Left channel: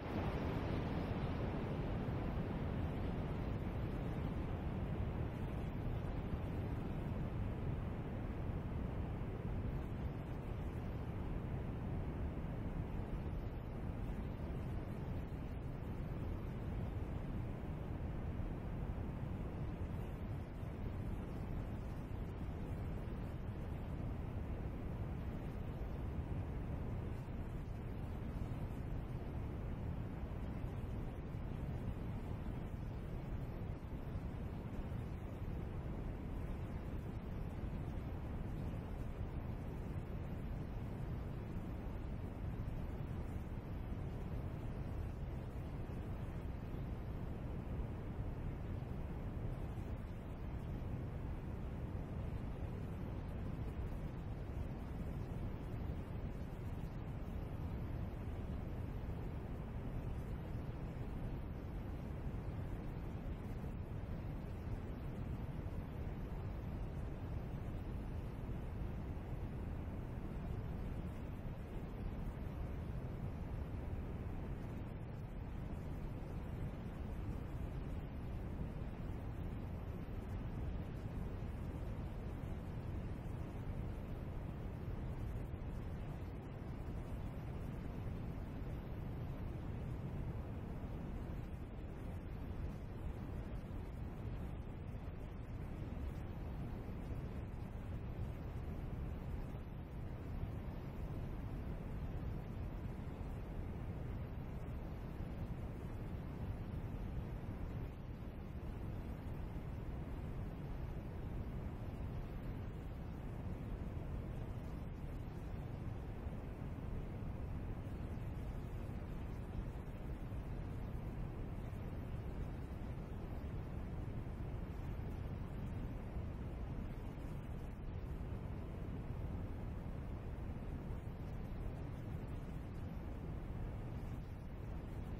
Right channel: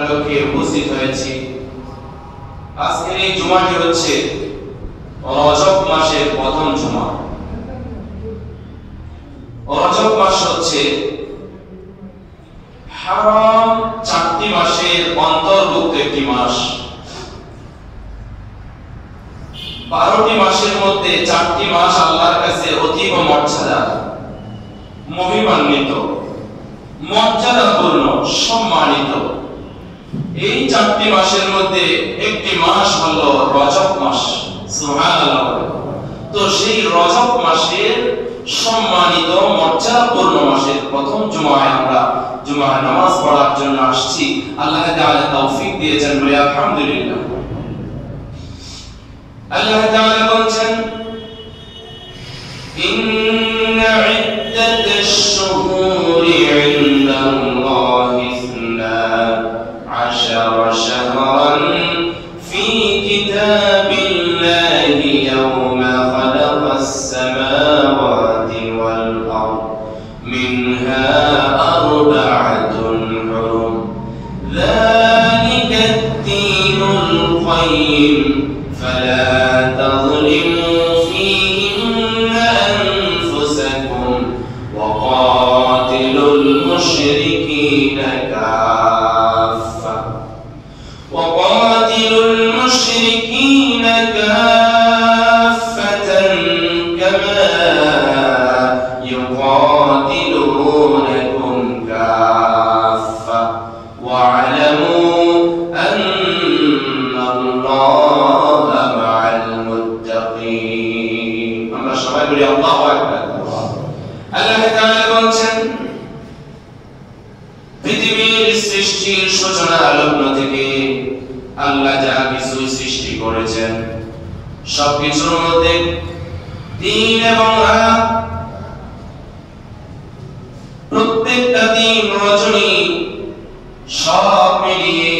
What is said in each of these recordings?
লোকে উপস্থিত হয়েছি। আজকের এই জুমাটি হচ্ছে রজব মাসের প্রথম জুমা। রজব মাস হচ্ছে হারাম 4টি মাসের অন্তর্ভুক্ত একটি মাস। 12টি মাসের মধ্যে 4টি মাস আল্লাহর কাছে অতীব মর্যাদা, মহিমান্বিত, মর্যাদাপূর্ণ, সম্মানিত। এই 4টি মাসের মধ্যে একটি মাস হলো রজব মাস। সুবহানাল্লাহ। তো সেই রজব মাসের সম্মানিত মর্যাদাপূর্ণ মাসের প্রথম জুমায় আমরা জুমার নামাজ পড়ার জন্য আসছি। আল্লাহ তাআলা তৌফিক দিয়েছেন বলে আলহামদুলিল্লাহ। আল্লাহ তাআলা বলেন, ইন্না ইদ্দাতাশ শুহুরি ইনদাল্লাহি 12 শাহরান ফি কিতাবিল্লাহি ইয়াওমা খালাকাস সামাওয়াতি ওয়াল আরদ মিনহা আরবা'তুন হুরুম যালিকা আদ-দীনুল কাইয়্যিম ফালা তাযলিমু ফীহিন্না আনফুসাকুম ওয়া কাতিলুল মুশরিকিনা কাফা ওয়া কাতিলুল মুশরিকিনা কাফাতান কামা يقاتلونكم كافة واعلموا أن الله مع المتقين. আমরা সবাই বলি আল্লাহু আকবার। আল্লাহ তাআলা বলেন, পৃথিবীর সৃষ্টির সূচনা লগ্ন থেকে আল্লাহ যা কিছু সৃষ্টি করেছেন সবকিছুর মধ্যে দিন এবং রাত, প্রত্যেকটা দিন রজনী সব মিলিয়ে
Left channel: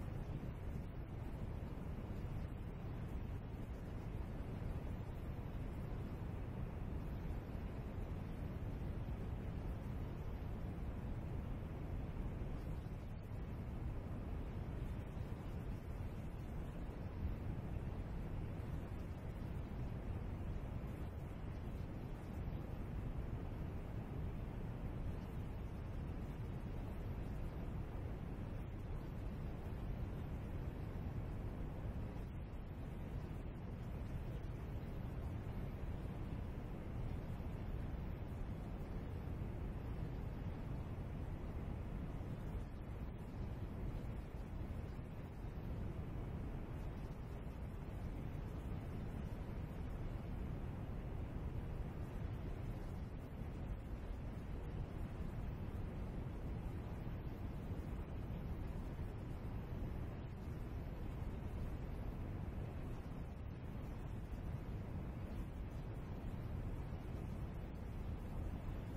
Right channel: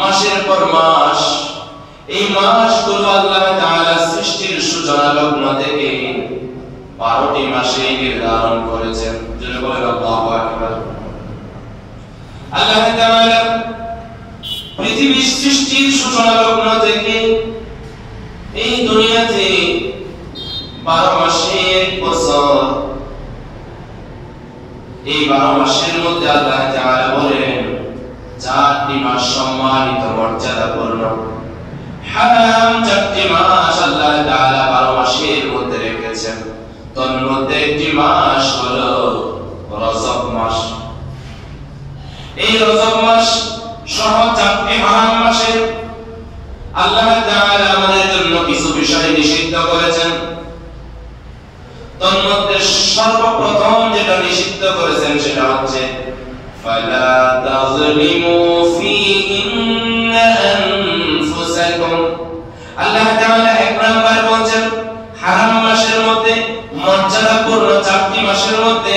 মাসের পর মাস, এই মাসগুলো আল্লাহ তাআলা সৃষ্টির সূচনা লগ্ন থেকে 12টি মাসে নির্ধারণ করেছেন। যেটা বলেন আল্লাহু আকবার। আল্লাহ তাআলা পৃথিবীর সৃষ্টির সূচনা লগ্ন থেকে এই দুনিয়াতে 12 মাসের বছর, এই 12 মাসের মধ্যে আল্লাহ তাআলা বলেন 4টি মাস সম্মানিত, মর্যাদাপূর্ণ। হারাম 4টি মাস আল্লাহ তাআলা 12 মাসের মধ্যে রেখেছেন। তার মধ্যে একটি মাস হলো রজব মাস। এই রজব মাস সহ 4টি হারাম মাসে আল্লাহ তাআলা আমাদের জন্য কিছু বিষয় নিষিদ্ধ করেছেন। তার মধ্যে সর্বপ্রথম যেটা নিষিদ্ধ করেছেন সেটা হচ্ছে ফালা তাযলিমু ফীহিন্না আনফুসাকুম। আল্লাহ তাআলা এক নাম্বার বলেন হারাম মাসের মধ্যে, মর্যাদাপূর্ণ 4টি মাসের মধ্যে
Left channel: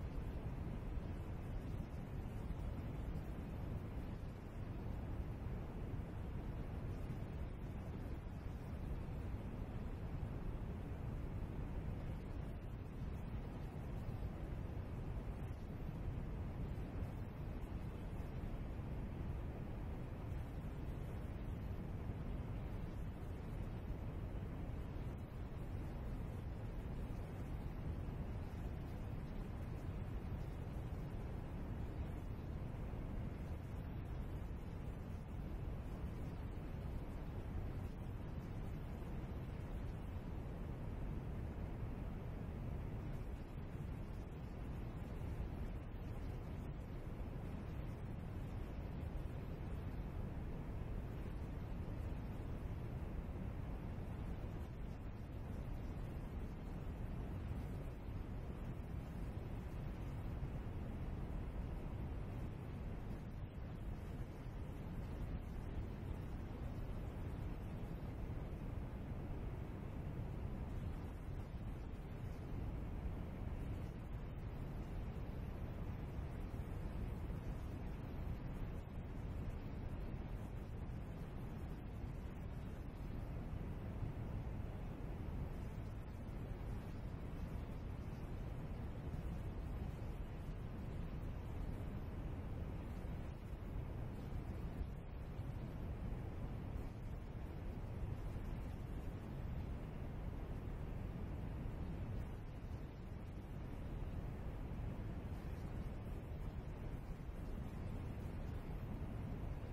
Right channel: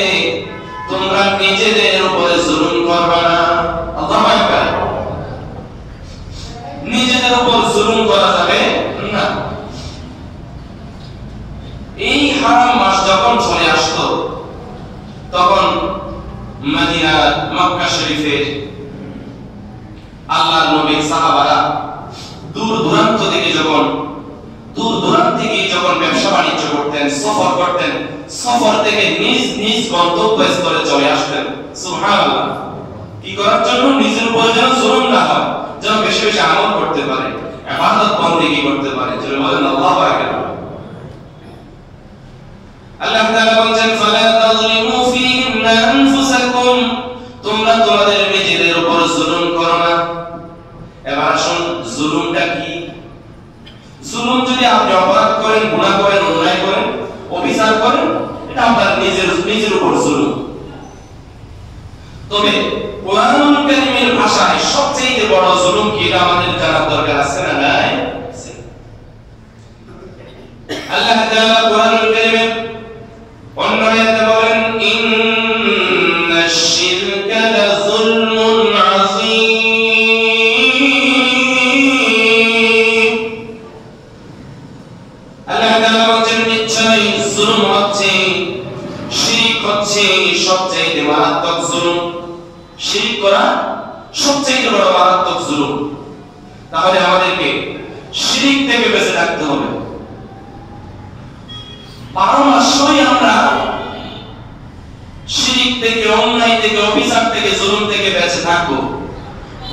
তোমরা নিজেদের উপরে জুলুম করবে না। আল্লাহু আকবার। নিজেদের উপর জুলুম করা যাবে না। এই হারাম মাস যখন চলে আসতো তখন মদিনা, মক্কা শরীফের আল্লাহর নবীর সাহাবারা দূর দূরান্ত থেকে যখন ব্যবসা বাণিজ্য করতেন, সফর করতেন, সফর থেকে নিজ নিজ গন্তব্যস্থলে চলে আসতেন। সুবহানাল্লাহ। কি করার জন্য? নিজের উপর যেন জুলুম না হয়, যেন বেশি বেশি আমল করতে পারে, ইবাদত বন্দেগী করতে পারে। যেন বলেন আল্লাহু আকবার। আল্লাহ তাআলা বলেন ফালা তাযলিমু ফীহিন্না আনফুসাকুম, তোমরা তোমাদের নিজেদের উপর জুলুম করো না। এবার আসুন, জুলুমটা কি? জুলুম যদি আপনি অপরাধ করেন, গুনাহ করেন, অন্যায় করেন, অবিচার করেন, এটা আপনার নিজের উপর জুলুম। তবে কোরআনুল কারীমের ভাষায় সবচেয়ে বড় জুলুম কি, এটা আমাদের জানার দরকার আছে না নাই? আল্লাহ তাআলা কোরআনুল কারীমে অন্য আয়াতে বলেন ইন্নাশ শিরকা লাযুলমুন আযীম। আল্লাহ তাআলা বলেন নিশ্চয়ই জুলুম হচ্ছে, শিরক হচ্ছে সবচেয়ে মারাত্মক জুলুম। শিরক করা সবচেয়ে বড় মারাত্মক জুলুম। তাহলে আমাদেরকে শিরক থেকে বেঁচে থাকতে হবে। 12 মাসই আমরা শিরক থেকে, অন্যায় থেকে, অভিশাপ থেকে, জুলুম থেকে বেঁচে থাকবো,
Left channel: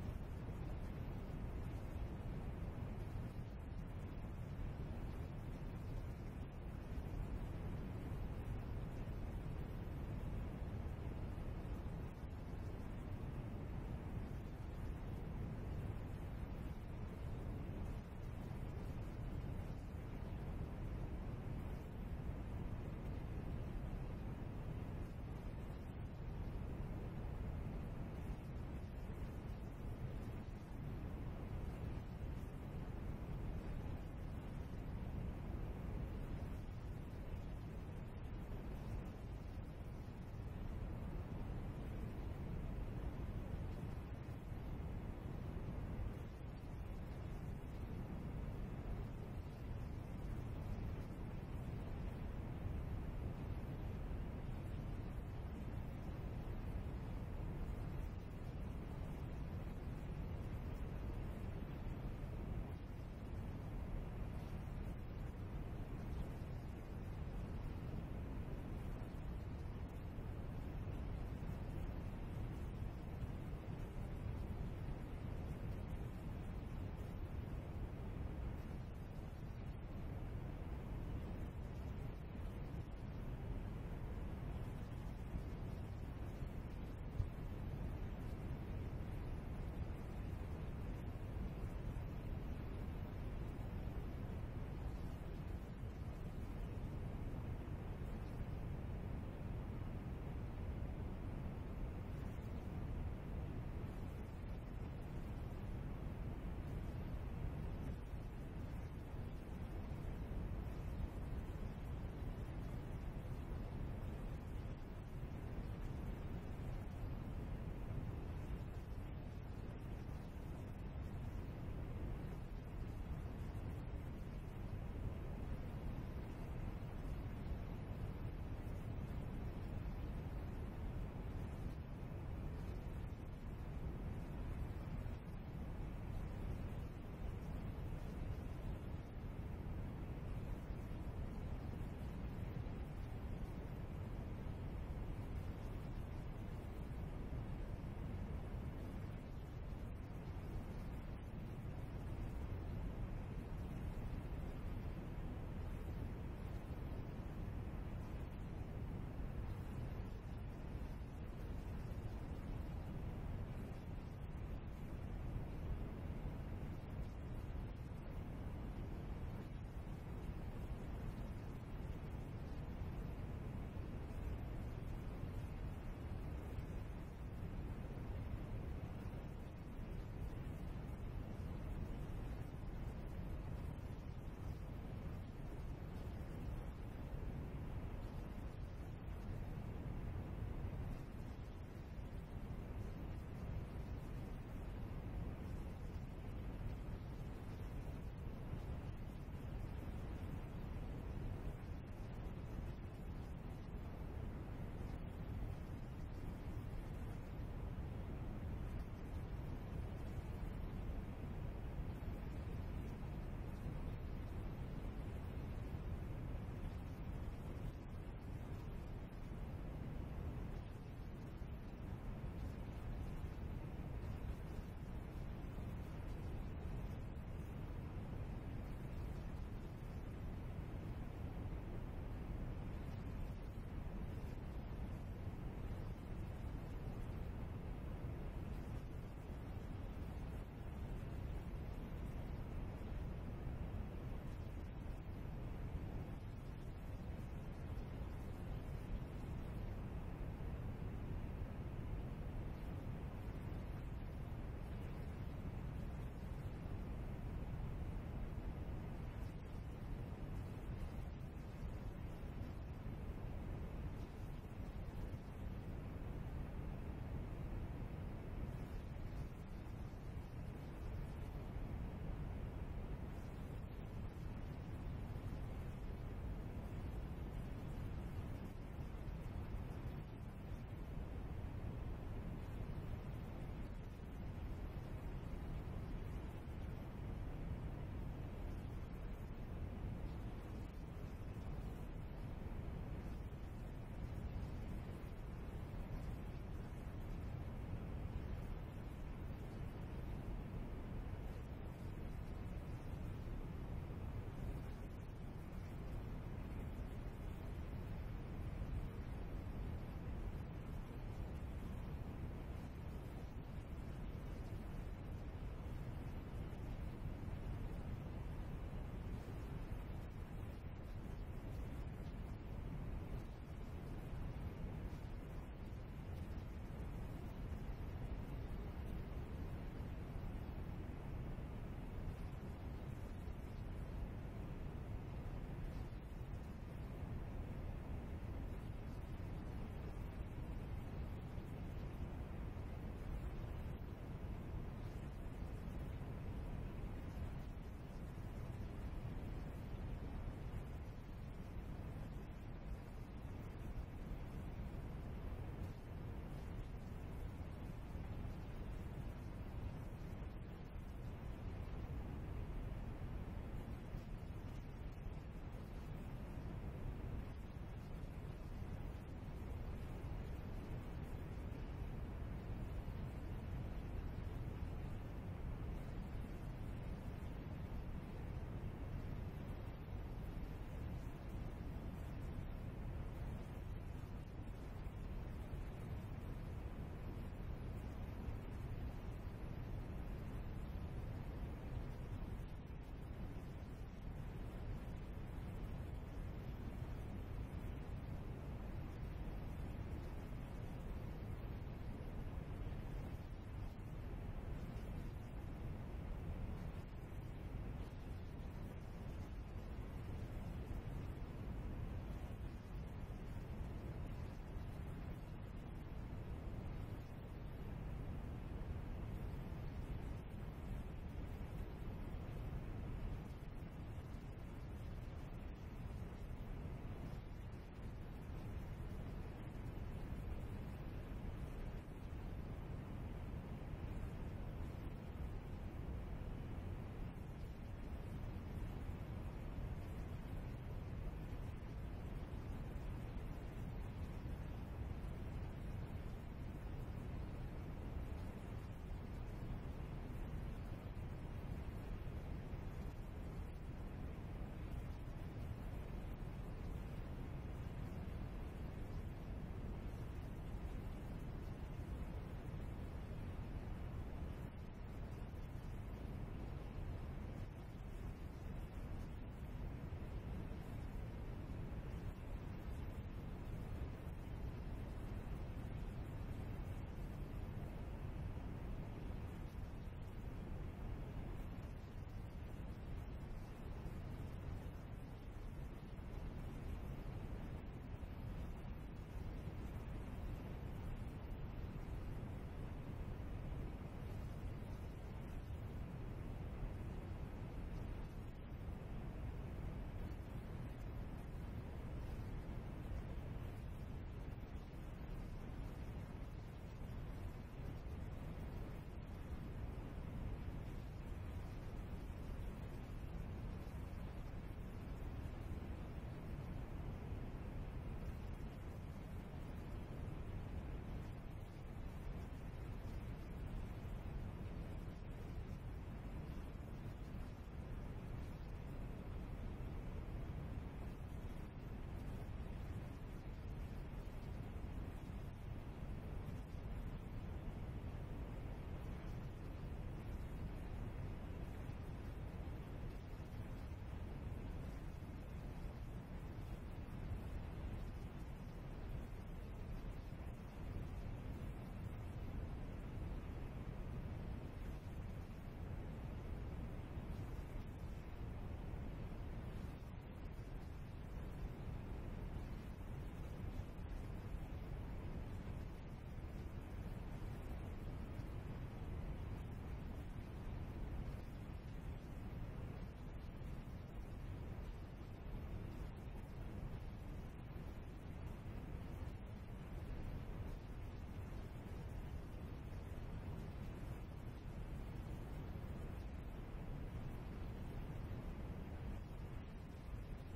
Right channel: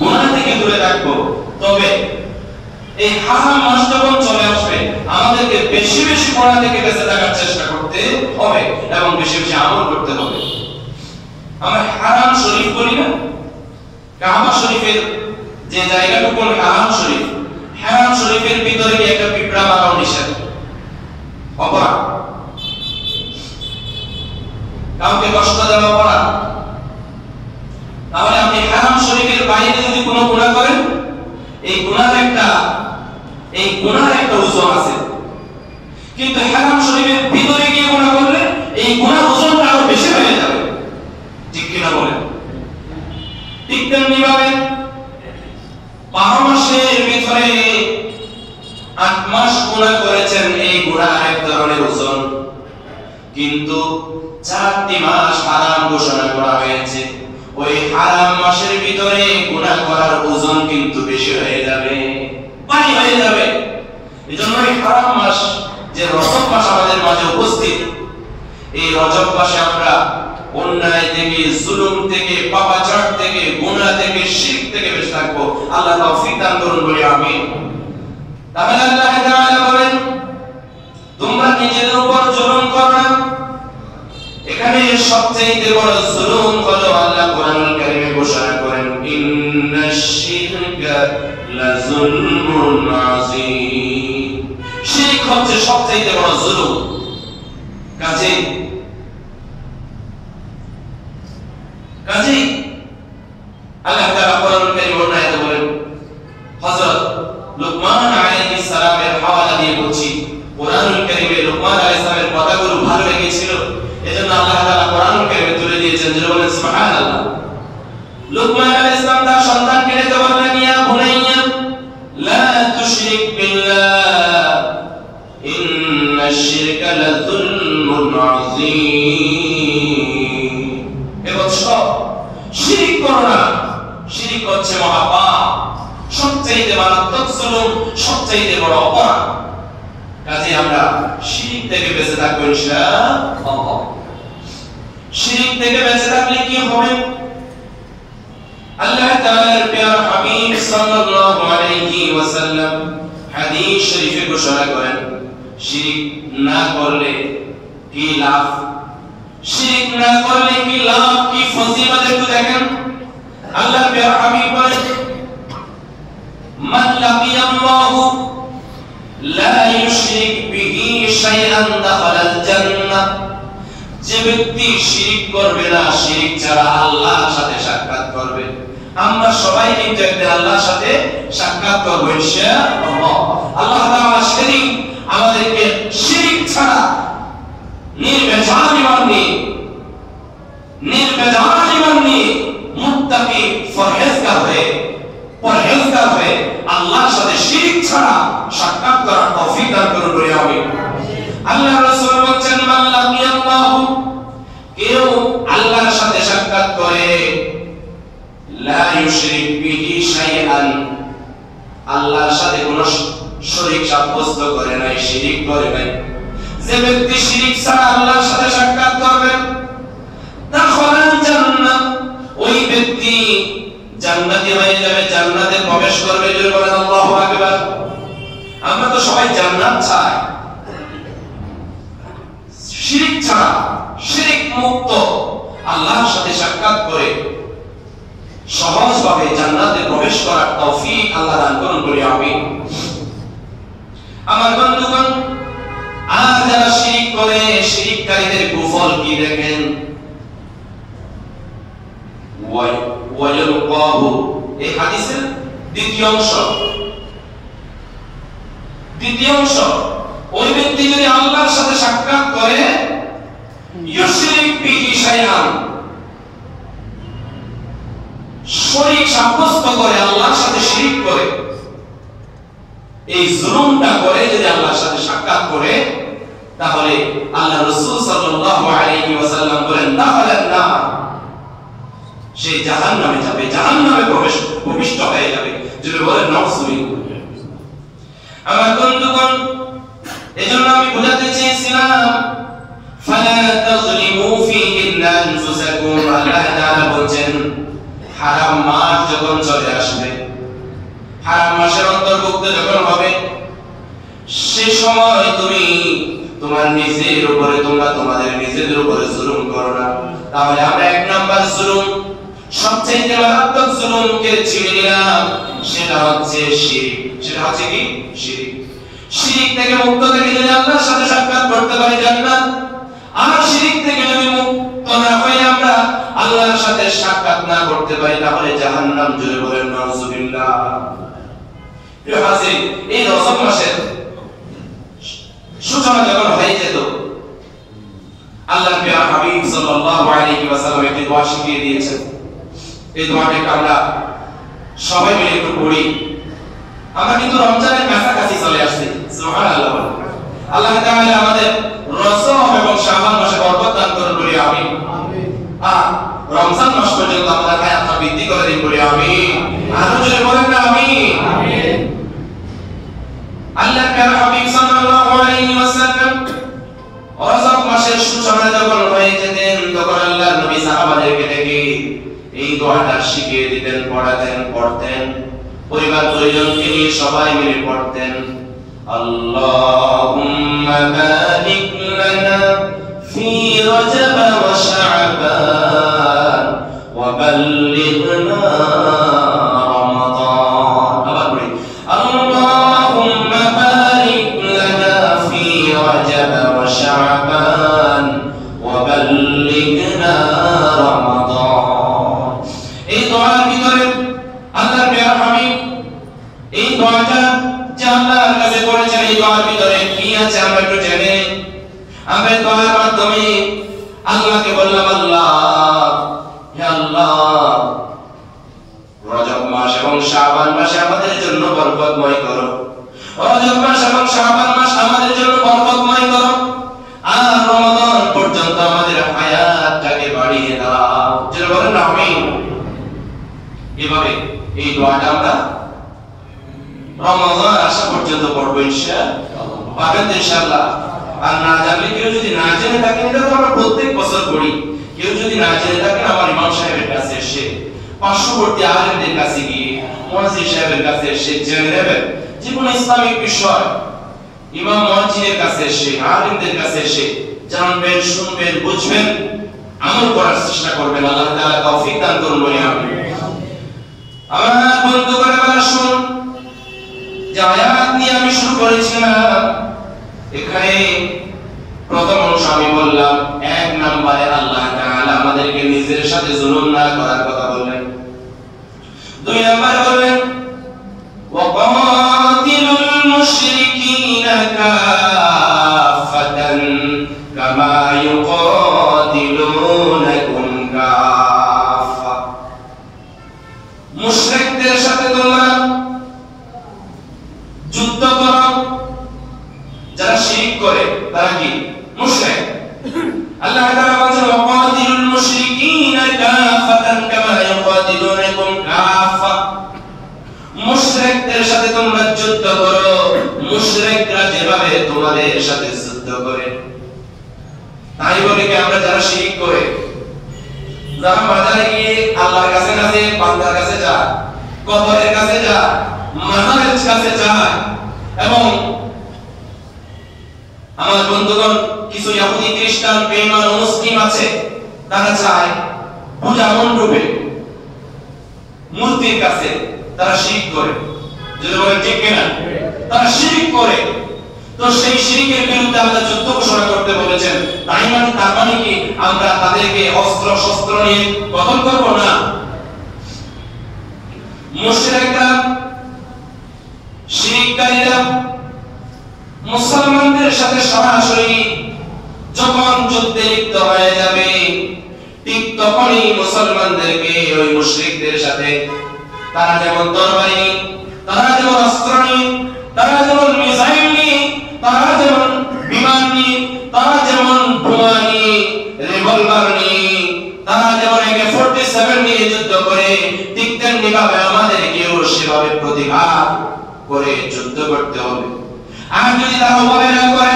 গুনাহ থেকে দূরে থাকবো। তবে এই হারাম মাস যখন চলে আসবে আমাদেরকে বেশি বেশি গুনাহ থেকে বেঁচে থাকার চেষ্টা করতে হবে এবং বেশি বেশি আমল করতে হবে। আমরা হারাম শরীফ বলি না, কাবা শরীফের যে জায়গাটুকু হারাম শরীফ, হারাম শরীফের ভিতরে কি একটা পিঁপড়া মারাও নিষেধ, অপরাধ। কাউকে কষ্ট দেওয়া অপরাধ। তাহলে আপনি হারাম শরীফের বাইরে যদি কোনো গুনাহ করেন, এই গুনাহের একটা ওজন আছে। কিন্তু হারাম শরীফের ভিতরে গিয়ে গুনাহ করলে এই গুনাহ ওজনটা আরো বেশি হয়ে যাবে। ঠিক কিনা বলেন? ঠিক তেমনি ভাবে 12 মাসের ভিতরে 8 মাস গুনাহ করেছেন, এই গুনাহ এক ধরনের ওজন। কিন্তু 4টি মাস হারাম ঘোষণা করা হয়েছে, ওই হারাম মাসের ভিতরে গুনাহ করার ওজন কিন্তু বেশি হয়ে যাবে, ভারী হয়ে যাবে। এজন্য এই হারাম মাস, যে রজব মাস আমাদের মাঝে উপস্থিত, এই রজব মাসে আমরা অন্যায় থেকে, জুলুম থেকে, পাপাচার থেকে, গুনাহ থেকে, শিরক থেকে বেঁচে থাকবো। আল্লাহ তৌফিক দান করুন বলি আমিন। তাহলে আল্লাহ তাআলা বলেন, তোমরা নিজেদের উপর জুলুম করো না। এখানে সবচেয়ে বড় জুলুম হলো আল্লাহ কোরআনুল কারীমে ঘোষণা করেন, ইন্নাশ শিরকা লাযুলমুন আযীম। শিরক হচ্ছে সবচেয়ে বড় জুলুম। কাজেই আল্লাহ তাআলা কোরআনুল কারীমে আয়াতে বলেন, হযরত লুকমান আলাইহিস সালামের হাওয়ালা দিয়ে বলছি, কোরআনুল কারীমে লুকমান আলাইহিস সালামের কথাগুলো ভালো লেগেছিল, এজন্য আল্লাহ তাআলা কোরআনুল কারীমে তুলে দিয়েছেন। যারা বলেন সুবহানাল্লাহ। লুকমান আলাইহিস সালাম তার সন্তানকে ডেকে বললেন, ইয়া বুনাইয়া লা তুশরিক বিল্লাহ ইন্নাশ শিরকা লাযুলমুন আযীম। এ বৎস, শিরক করো না। শিরক হচ্ছে মহাপাপ, সবচেয়ে মারাত্মক জুলুম, সবচেয়ে বড় অপরাধ। কাজে আমরা শিরক থেকে বেঁচে থাকবো ইনশাআল্লাহ। শিরক থেকে বেঁচে থাকলে কি হবে? আল্লাহ তাআলার প্রিয় হাবিব সাল্লাল্লাহু আলাইহি ওয়াসাল্লাম হাদিস শরীফে ঘোষণা করেন, শিরক না করলে কি লাভ, শিরক না করলে কি লাভ, কি ফজিলত একটু দেখেন। আল্লাহর প্রিয় হাবিব বলেন, মান লাকিয়াল্লাহু লা ইউশরিক বিহি শাইআন দাখালাল জান্নাহ। যে ব্যক্তি শিরক করবে না, শিরক ছাড়া আল্লাহর সাথে সাক্ষাৎ করবে। আমরা সবাই কিন্তু একদিন আল্লাহর সাথে সাক্ষাৎ করব ইনশাআল্লাহ। আল্লাহ তাআলা সেদিন আমাদেরকে শিরক ছাড়া নির্ভেজাল ঈমান নিয়ে মুত্তাকি পরহেজগার হয়ে আল্লাহর সাথে শিরক ছাড়া সাক্ষাৎ করার তৌফিক দান করুন বলি আমিন। আল্লাহ রাসূল বলেন, মান লাকিয়াল্লাহু, কেউ আল্লাহর সাথে সাক্ষাৎ করে, লা ইউশরিক বিহি শাইআন, আল্লাহর সাথে কোনো শরীক সাব্যস্ত করে নাই, শিরক করে নাই। যে ব্যক্তি শিরক ছাড়া আল্লাহর সাথে সাক্ষাৎ করবে, দাখালাল জান্নাহ, ওই ব্যক্তি জান্নাতি হয়ে যাবে, জান্নাতে প্রবেশ করবে। জোরে বলেন আল্লাহু আকবার। আমরা তো সবাই জান্নাত চাই। শিরক ছাড়া, শিরক মুক্ত আল্লাহর সাথে সাক্ষাৎ করে সহজভাবে জান্নাতে প্রবেশ করার তৌফিক আল্লাহ দান করুন বলি আমিন। আমার বন্ধুগণ, আর যারা শিরক করে, শিরককারীদের কুফল কি দেখেন। ওয়ায়ুলকাহু, এই হাদিসের দ্বিতীয় অংশ, ওই ব্যক্তি যদি আল্লাহর সাথে সাক্ষাৎ করে, ইউশরিক বিহি শাইআন, শরীক সাব্যস্ত করে, আল্লাহর সাথে শিরক করে, এই জুলুমটা করে যদি আল্লাহর সাথে সাক্ষাৎ করে, তাহলে আল্লাহ রাসূল সাল্লাল্লাহু আলাইহি ওয়াসাল্লাম বলেন, দাখালান নার, সে জাহান্নামে যাবে, জাহান্নামে প্রবিষ্ট হয়ে যাবে। যদি বলেন নাউযুবিল্লাহ। আমার বন্ধুগণ, এজন্য আমি বোঝাতে চেয়েছিলাম ফালা তাযলিমু ফীহিন্না আনফুসাকুম। আল্লাহ তাআলা বলেন হারাম মাস যখন চলে আসবে, হারাম মাসের অন্তর্ভুক্ত যখন হবে, সে সময় তুমি তোমার নিজের উপরে, তোমরা তোমাদের নিজেদের উপরে জুলুম করো না। তাহলে আমরা এক নাম্বার জুলুম, সবচেয়ে মারাত্মক জুলুমকে ছিঁড়ে নিলাম, সেটা হচ্ছে শিরক। সেটা হচ্ছে কি? শিরক। শিরক থেকে মুক্ত থেকে যদি আল্লাহর সাথে সাক্ষাৎ করতে পারি জান্নাত, আর শিরক থেকে যদি মুক্ত না হয়ে আমরা আল্লাহর সাথে সাক্ষাৎ না করতে পারি তাহলে জাহান্নাম। জোরে বলেন নাউযুবিল্লাহ। প্রিয় হাজির, এই রজব মাসের সূচনা যখন হয়ে যেত, আল্লাহর প্রিয় হাবিব সাল্লাল্লাহু আলাইহি ওয়াসাল্লাম একটি দোয়া শিখিয়ে দিয়েছেন। এই দোয়াটাকে আমরা সবাই মিলে একটু পড়ি। আমরা কিন্তু রমজানের কাছাকাছি চলে আসছি। সুবহানাল্লাহ। আল্লাহ তাআলা আমাদের রজব এবং শাবান মাসে বরকত দান করুন, বলি আমিন। আর রমজান মাস পর্যন্ত আমাদের হায়াতটা বৃদ্ধি করে দিন, বলি আমিন। আরো জোরে বলেন না আমিন। আল্লাহর প্রিয় হাবিব সাল্লাল্লাহু আলাইহি ওয়াসাল্লাম রজব মাসের সূচনা যখন হয়ে যেতেন, তখন আল্লাহর নবী সাহাবাদেরকে ডেকে এই দোয়াটা শিখিয়ে দিতেন, পড়তেন। পরিবার পরিজনকে নিয়ে সবাই মিলে পড়তেন। আল্লাহুম্মা বারিক লানা ফি রজব ওয়া শাবান ওয়া বাল্লিগনা রমাদান। আবার পড়ি, আল্লাহুম্মা বারিক লানা ফি রজব ওয়া শাবান ওয়া বাল্লিগনা রমাদান। এই দোয়ার ভিতরে আল্লাহর প্রিয় হাবিব এই দোয়াটা যে আল্লাহর কাছে পড়েছেন, এই দোয়ার ভিতরে কি আছে আমরা একটু জেনে। আমরা দোয়ার মাধ্যমে আল্লাহকে বললাম, আল্লাহ, হে আল্লাহ, রজব মাস এবং শাবান মাসে আমাদের জন্য বরকতময় করো। রজব মাস এবং শাবান মাস আমাদের জন্য বরকতময় করো, আর রমাদান পর্যন্ত আমাদের হায়াতটাকে বাড়িয়ে দাও। যেন বলেন আমিন। এভাবে এই দোয়াটা আমরা রমাদান আসা পর্যন্ত পড়বো ইনশাআল্লাহ। পাবেন তো ইনশাআল্লাহ। আর না জানলে, কেউ যদি না জেনে থাকেন, এটা তো আমরা প্রত্যেক বছর পড়ি, কেউ যদি না জেনে থাকেন আমার ইমাম সাহেবের কাছে এসে, পার্শ্ববর্তী আলেমদের কাছে গিয়ে, মুয়াজ্জিন সাহেবের কাছে এসে জেনে নেবেন। যে কোনো ইসলামিক বিষয় ইমাম মুয়াজ্জিনের কাছে এসে, আলেমদের কাছে এসে জানবেন, শুনবেন, বুঝবেন, আমল করার চেষ্টা করবেন। আল্লাহ তাআলা তৌফিক দান করুন, বলি আমিন। আমার বন্ধুগণ, এবার শুনুন, যে আয়াত নিয়ে আমি শুরু করেছিলাম, এখানে প্রথম অংশ আমি বললাম, এক নম্বরে আল্লাহ তাআলা আমাদেরকে নিজের সাথে জুলুম না করার কথা বললেন। দুই নম্বরে বললেন ওয়াকাতিলুল মুশরিকিনা কাফাতান কামা ইউকাতিলুনাকুম কাফা। মুশরিকদের সাথে তোমরা যুদ্ধ করো। যারা শিরক করে তারা কি? মুশরিক। আল্লাহ তাআলা বলেন ওয়াকাতিলুল মুশরিকিনা কাফাতান কামা ইউকাতিলুনাকুম কাফা। মুশরিকদের সাথে তোমরা যুদ্ধ করো, মুশরিকরা যেভাবে তোমাদের সাথে যুদ্ধ করে। তাই বলে কি আমরা যারা শিরক করে, যারা বাজারে গিয়ে আল্লাহর কাছে কাছে, বান্দার কাছে যায়, কবরের কাছে যায়, মাজারের কাছে যায়, এবং আমার বন্ধুগণ কিছু ইহুদি খ্রিস্টান বেঈমান মুসলিম আছে, তারা চায় পূজা মণ্ডপে মূর্তির কাছে তারা শিরক করে। যদি বলেন ঠিক কিনা? তারা শিরক করে। তো সেই শিরকের বিরুদ্ধে আল্লাহ যুদ্ধ ঘোষণা করতে বলেছেন। তার মানে কি আমরা তাদেরকে অস্ত্র শস্ত্র নিয়ে কতল করব না। মুশরিকরা, শিরককারীরা মুসলমানদের সাথে সরাসরি যখন যুদ্ধে লিপ্ত হয়ে যাবে, ঠিক তখনই মুসলমানদেরকে ওই মুশরিকদের সাথে তারা যেমন তরবারি, তারা যেমন অস্ত্র নিয়ে, তারা যেমন মিসাইল নিয়ে, তারা যেমন বিমান নিয়ে, তারা যেমন বোমা নিয়ে, রিভলভার নিয়ে, তারা যেমন AK-47 নিয়ে সেভাবে প্রতিবাদ করে যুদ্ধ করতে হবে। আর যদি তারা অবহেলা করে,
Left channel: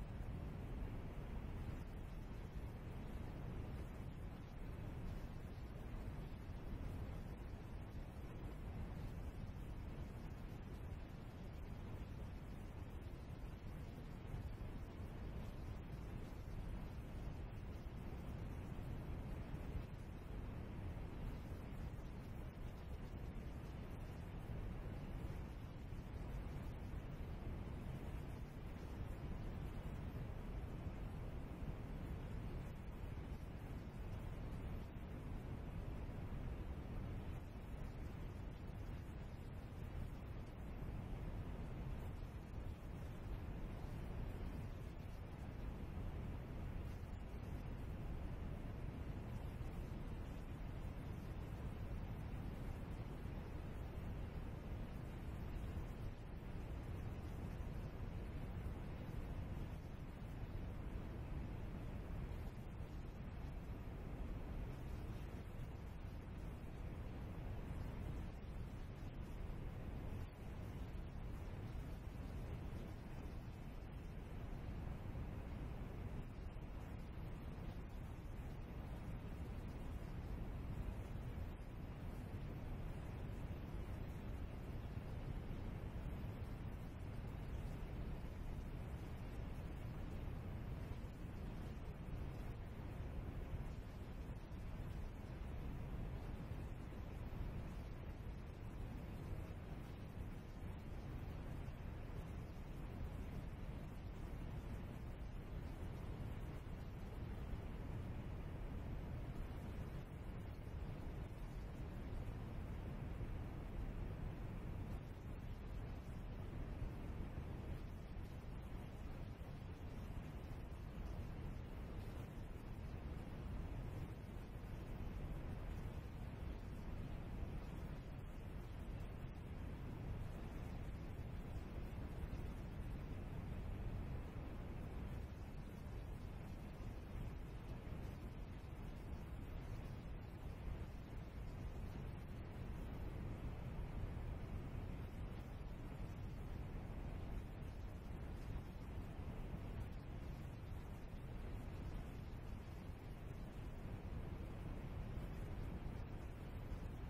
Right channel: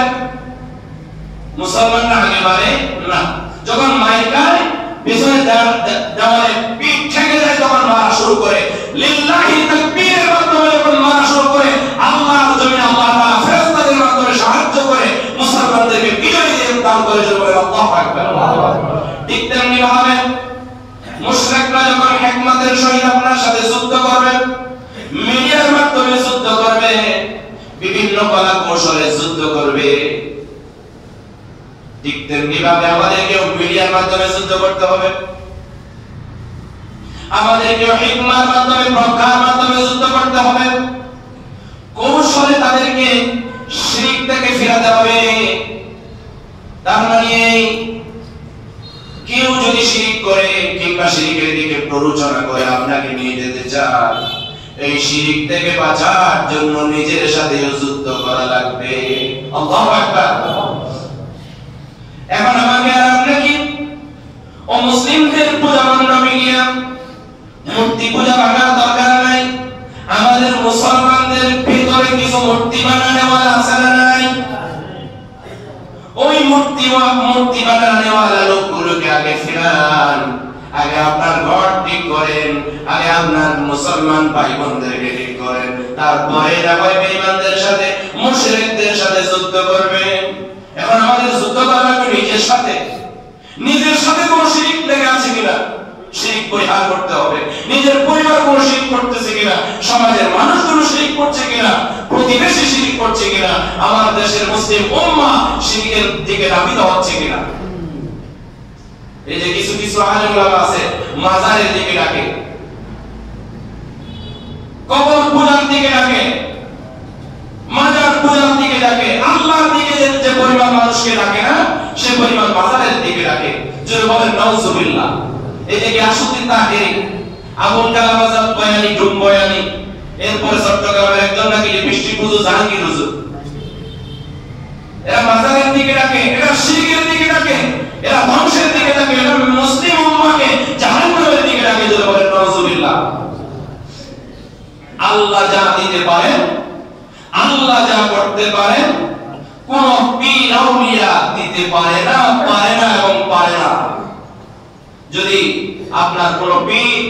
মুসলমানরা আগে বাড়ে না, যখন মায়ের গায়ে পিছনে দেওয়ালে পিঠ ঠেকে যায় তখন মারা শুরু করে, লিল্লাহি তাকবীরের মাধ্যমে যখন মারা শুরু করে, আল্লাহর জমিনে আল্লাহ তাআলা ফেরেশতাদের মাধ্যমে সাহায্য করে মুসলমানদেরকে বিজয় দিয়ে দান করে বলে আল্লাহু আকবার। ঠিক তেমনি ভাবে মুশরিকরা যখন হিকমতের সহিত আপনার সাথে যুদ্ধ করবে, মিডিয়ার মাধ্যমে যুদ্ধ করবে, বিভিন্ন কলা কৌশলে যুদ্ধ করবে, ঠিক তেমনি ভাবে আমাদেরকে মিডিয়ার মাধ্যমে যুদ্ধ করতে হবে, আমাদেরকে হিকমার মাধ্যমে প্রজ্ঞার মাধ্যমে যুদ্ধ করতে হবে, কৌশলে তাদেরকে শিরক থেকে ফিরাতে হবে। তার মানে কেউ যদি শিরক করে কিংবা শিরকের দিকে প্ররোচনা করে আপনাকে নিয়ে যেতে চায়, এই শিরক থেকে বাঁচার জন্য নিজের সাথে যুদ্ধ করা লাগবে। আল্লাহু আকবার। এখন আমাকে আর আপনাকে ও মুসলিমদের পূজা মণ্ডপে গিয়ে মূর্তি পূজা ভাঙার দরকার নাই। আমাদের মুসলমানদের ভিতরে কিছু মূর্তি বানানোওয়ালা আছে না নাই? ওই মূর্তি বানানোওয়ালা লোকগুলোকে আগে ফিরান, আগে আপনার ঘর ঠিক করেন, আগে আপনার মুসলমান ভাই বোনদেরকে ঠিক করেন, তারপরে না হয় বেঈমানদের সাথে মুশরিকদের সাথে যুদ্ধ করবেন। এখন আমাদের যুদ্ধ করা লাগবে নিজের সাথে। নিজের সাথে কোন শিরক লেগে আছে কিনা শিরক পরিহার করতে হবে। নিজের পরিবার কোন শিরক করতেছে কিনা, সমাজের মানুষগুলো শিরক করছে কিনা, প্রতিবেশী শিরক করছে কিনা, আমার দেশের মুসলিম উম্মাহ শিরকের দিকে ধাবিত হচ্ছে কিনা। এই যে কিছু কিছু আলেম ওলামা আছে মাজারের দিকে ডাকে, কবর পূজার দিকে ডাকে, মাজার পূজার দিকে ডাকে, আল্লাহর দিকে যে পরিমাণ মানুষকে ডাকে না, সে পরিমাণ মাজারের দিকে ডাকে। যদি বলেন নাউজুবিল্লাহ। এই যে গিয়াসউদ্দিন তাহেরি, আবুল কালাম আজাদ বয়ানী, ডুম বয়ানী, এরপরে চট্টগ্রামের একজন নাকি লিপস্টিক হুজুর, জাহাঙ্গীর হুজুর, এরা মাজারের দিকে ডাকে, এরা শিরকের দিকে ডাকে, এরা ধ্বংসের দিকে ডাকে, এরা মুসলিম উম্মাহকে জাহান্নামের দিকে ডাকে। যদি বলেন নাউজুবিল্লাহ। আল্লাহ যা দিতে পারেন, আল্লাহ যা করতে পারেন, কোন পীর আউলিয়া দিতে পারে না এবং পারে না। যদি আপনার কোন পীর,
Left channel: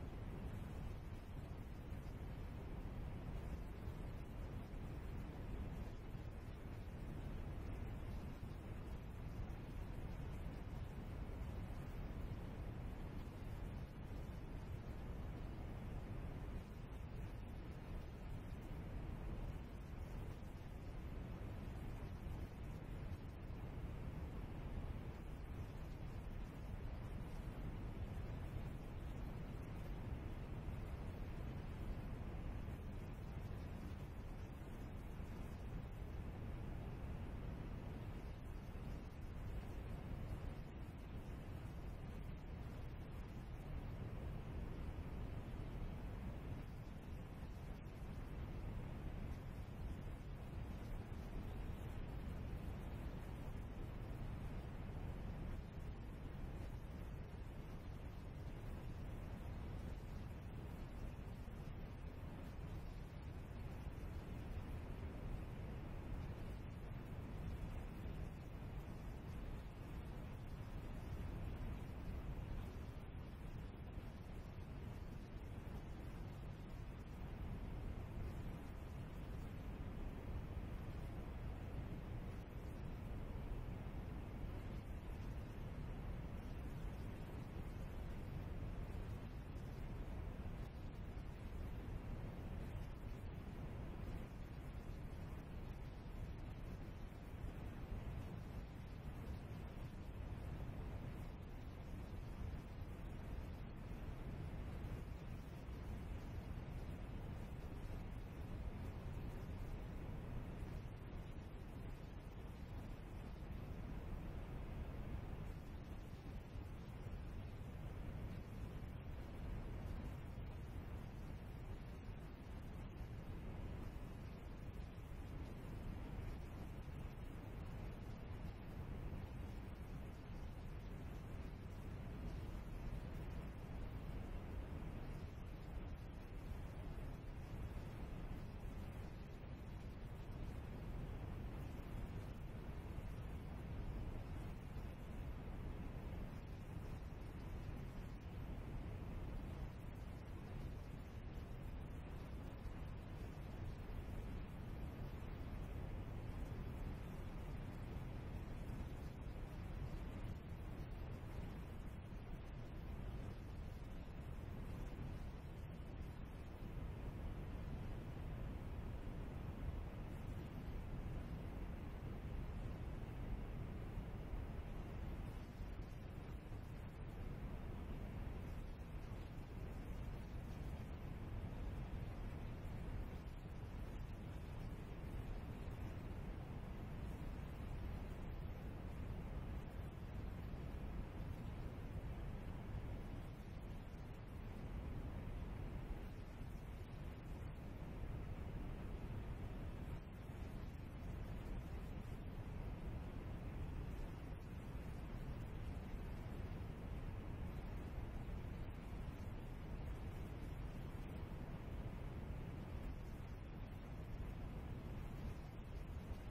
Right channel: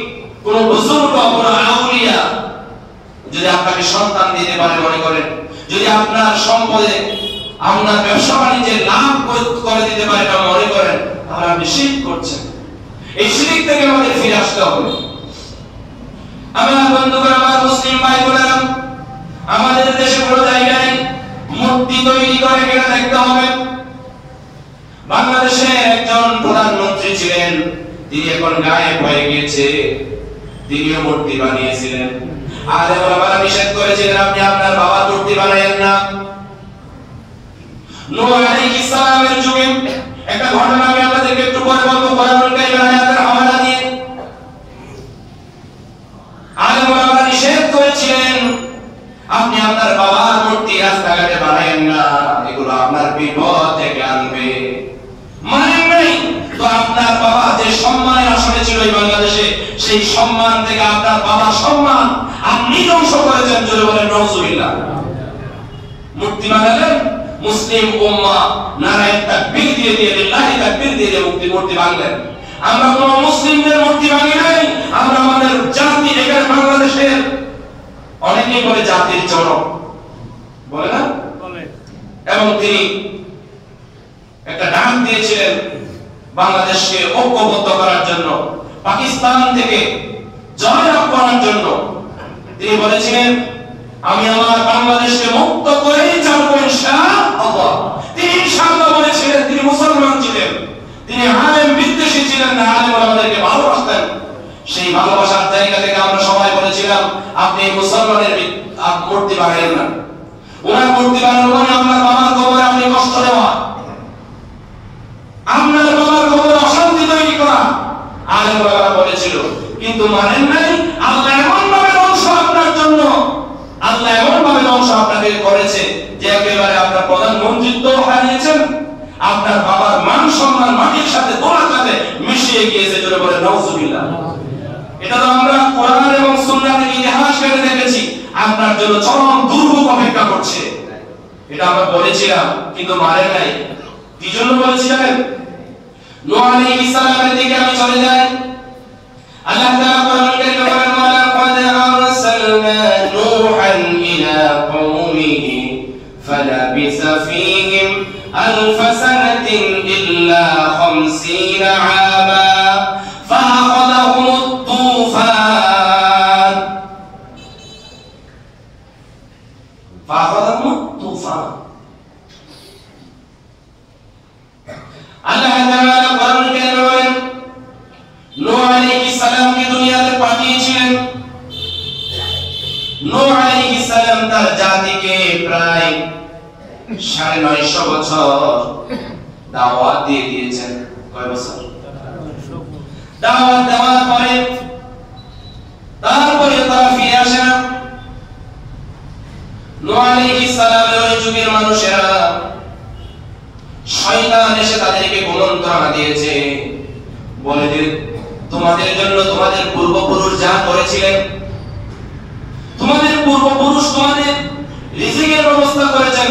কোন বুজুর্গ, কোন আউলিয়া যদি আপনাকে সন্তান দিতে পারে মনে করেন, যদি আপনার সম্পদে আপনার ব্যবসা বাণিজ্যে লাভ করে দিতে পারে এটা মনে করেন, তাহলে আপনি শিরক করছেন। এই শিরক থেকে আমাদের ফিরে আসতে হবে। আমার বন্ধুগণ, আমার মুসলিম ভাই বোনেরা, আমাদের দেশে কোনো জায়গায় মূর্তি তৈরি করে কিনা দেখতে হবে। বাংলাদেশে একজন প্রধানমন্ত্রী ছিলেন, তিনি এখন গায়েব হয়ে গিয়েছে, তিনিও মূর্তি বানিয়েছিলেন। আলেম ওলামারা নিষেধ করেছিলেন আপনি আপনার বাবার মূর্তি বানায়েন না। নূহ আলাইহিস সালামের যুগে একটা ঘটনা আমি আপনাদেরকে একটু পরে বলবো, কোরআনুল কারীমের আয়াতের হাওয়ালা দিয়ে। আলেম ওলামারা নিষেধ করেছিলেন আপনি আপনার বাবার মূর্তি রাস্তাঘাটে বানায়েন না, এগুলো আপনার বিপদ থেকে আনবে। মানেন নাই তো আপনার বাবা যে সম্মানের আসনে ছিল এই বাংলাদেশে, সেই সম্মান থেকে আপনার বাবার সম্মান আপনি ধ্বংস করেছেন। যদি বলেন নাউজুবিল্লাহ। মূর্তি বানালেন, মুসলিম উম্মাহ নারায়ে তাকবীর দিয়ে লিল্লাহি তাকবীর দিয়ে মূর্তি বানালেন। আমরা কোন মুসলিমদের মূর্তি ভাঙি নাই, আমরা আমাদের জাতি, এখানে বাংলাদেশের অনেকেই বলে জাতির জনক, বলে না? এবং তিনি একটা ডাক দিয়েছিলেন বাংলাদেশকে ঐক্যবদ্ধ করার জন্য, পাকিস্তান থেকে জয়লাভ করার জন্য। তিনি বলেছিলেন আমি আমার বাংলাদেশকে মুক্ত করেই ছাড়ব ইনশাআল্লাহ। তিনি ইনশাআল্লাহ বলেছিলেন। তিনি মুসলমান ছিলেন, তিনি আলেম বিদ্বেষী ছিলেন না, আলেম আমাদেরকে ভালোবাসতেন। সেই ভালোবাসার জায়গা থেকে আমরা সবাই বলেছিলাম আপনি মুসলমানের মূর্তি বানাইলেন না। ওনার মূর্তি বানানো মানে আপনার বাবার কবরে আপনি কষ্ট দেওয়া, আপনার বাবার কবরে অশান্তি তৈরি করা, আলেম ওলামারা বলেছিল। কিন্তু মানেন নাই। আল্লাহ এমন ভাবে ধ্বংস আপনার জন্য, আল্লাহ এমন ভাবে ধ্বংস আপনাকে করেছে যে একেবারে আপনার প্রধানমন্ত্রিত্ব হারিয়েছেন, আপনার বাবার মান সম্মান মাটির সাথে দোলার সাথে মিশিয়ে গিয়েছে। জোরে বলে নাউজুবিল্লাহ। এটা তো আমরা কোরআন এবং সুন্নাহ থেকে ইতিহাস কেটে দেখে এটা আমরা বলেছিলাম কিন্তু মারে নাই। কি জন্য বলেছি জানেন? নূহ আলাইহিস সালামের দিকে আমি চলে যাই। আল্লাহ তাআলা কোরআনুল কারীমে বলেন, ওয়ালাকাদ আরসালনা নূহান ইলা কওমিহি ফালাবিসা ফীহিম আলফ সানাতিন ইল্লা 50 আমা ফাআখাযাহুমুত তুফান আল্লাহ তাআলা কোরআনুল কারীমে বলেন, নূহ আলাইহিস সালামকে দুনিয়াতে পাঠিয়েছিলেন। নূহ আলাইহিস সালাম তার জাতিকে প্রায় 950 বছর দাওয়াত দিয়ে দিয়েছেন। কয় বছর দাওয়াত দেওয়ার পরে তারপরে তারা ফিরে আসে না। নূহ আলাইহিস সালামের ওই যুগের মানুষেরা শয়তান এসে তাদেরকে কুমন্ত্রণা দিয়েছে, বলে যে তোমাদের জন্য তোমাদের পূর্বপুরুষ যা করেছিলেন, তোমাদের পূর্বপুরুষ তোমাদের রিজিকের ব্যবস্থা করেছেন,